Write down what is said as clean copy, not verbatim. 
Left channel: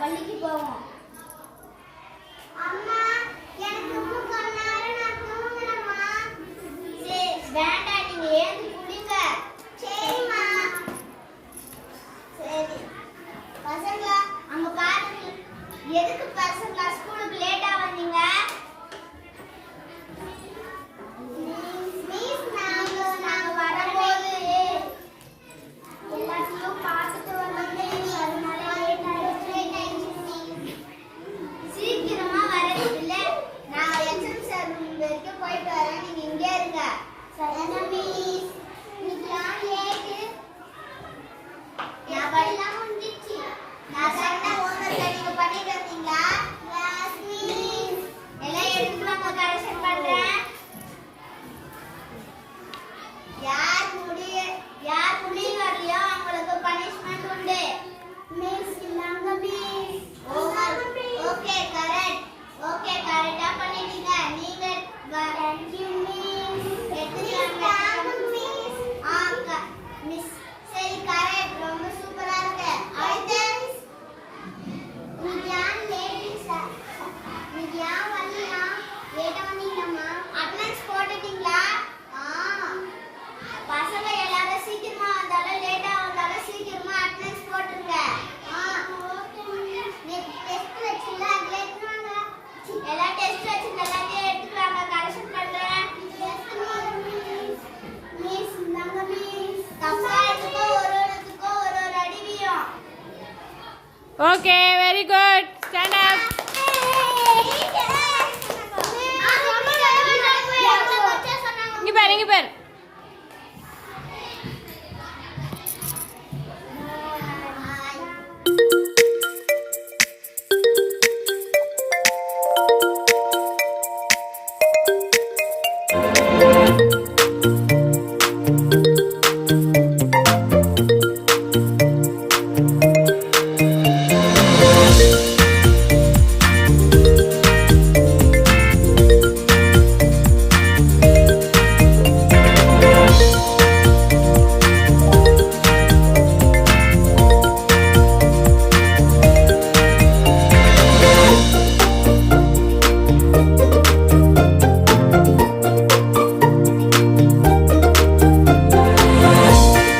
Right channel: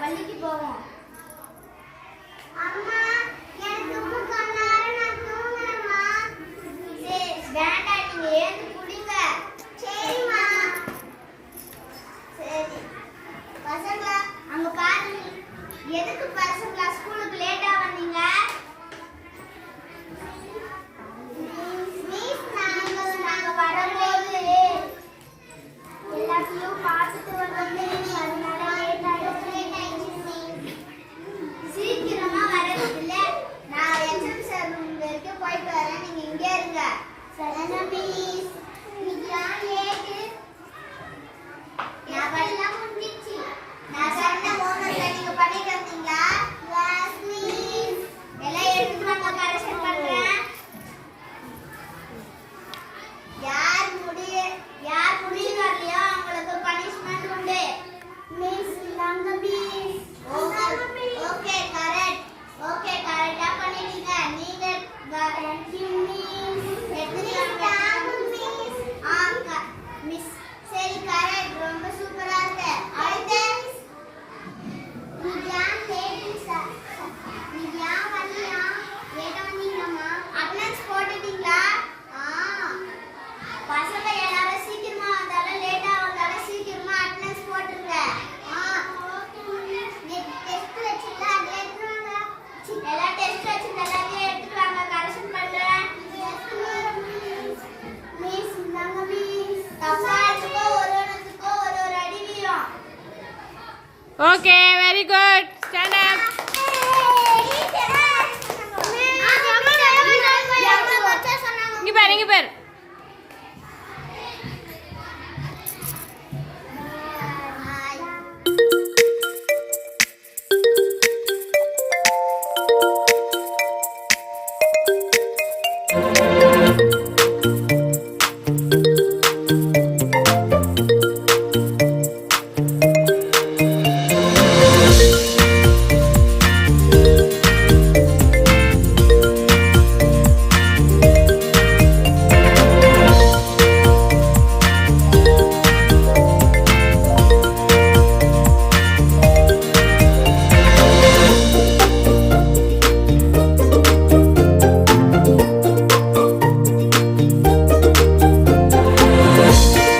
பள்ளிக்கு போவோம். அம்மா எனக்கு முக்கன்னார நான் தூங்கணுமா? வேண்டாம், நீங்க ஏந்து குடிங்க. சரிம்மா. சரி பசங்களா, அங்க பாருங்க. எதுக்கு பசங்களா ஸ்கூலுக்கு லேட்டா வந்தீங்க? நாங்க வரும்போது எல்லாத்தையும் பார்த்துட்டு வந்தோம், அதனால லேட் ஆயிடுச்சு. சீக்கிரமா வரது இல்ல, நான் எச்எம் சார் ரூம் வரைக்கும் போயிட்டு வரேன், நீங்க இங்கே இருங்க. சரியா மிஸ்? நீங்களாம் லேட்டு. நான் படிலாம் முடிஞ்சிச்சு. நான் சொன்ன ஹோம்வொர்க்கை நீங்க பண்ணிட்டு வந்தீங்களா? Yes miss. எல்லாம் எடுத்துட்டு வாங்க, கரெக்ஷன் பண்றேன். யார் முடிய வரலையோ அவங்களுக்கு பனிஷ்மெண்ட் உண்டு. மிஸ் இல்லாங்க மிஸ். Okay correct. ஓகே கரெக்ட்டா பண்ணிட்டீங்க. நீங்க தேங்க் யூ மிஸ். எடுத்துட்டாங்க மிஸ். மிஸ் சரி கரெக்ட், ரொம்ப சூப்பரா இருக்கு. அடுத்து நீங்களாம் லேட் சார். நீங்களாம் வரலையா? லேட்டா வந்தீங்கம்மா. அட்டெண்டன்ஸ் போட்டுட்டீங்களா? பசங்க எல்லாரும் சீக்கிரமா வந்தாலும் லேட்டா வந்தாலும் சீக்கிரமா அட்டெண்டன்ஸ் போட்டுருங்க. நீ டெஸ்ட் வச்சிங்களா? அது எடுத்துவாங்க. எல்லா டெஸ்ட் வச்சிங்க, எல்லாத்தையும் எடுத்துட்டு வாங்க, கரெக்ஷன் பண்றேன். மிஸ் இந்தாங்க மிஸ். தப்பா எடுத்துக்கோ, ஒரு அடிவியும். Okay, very good. Stand up.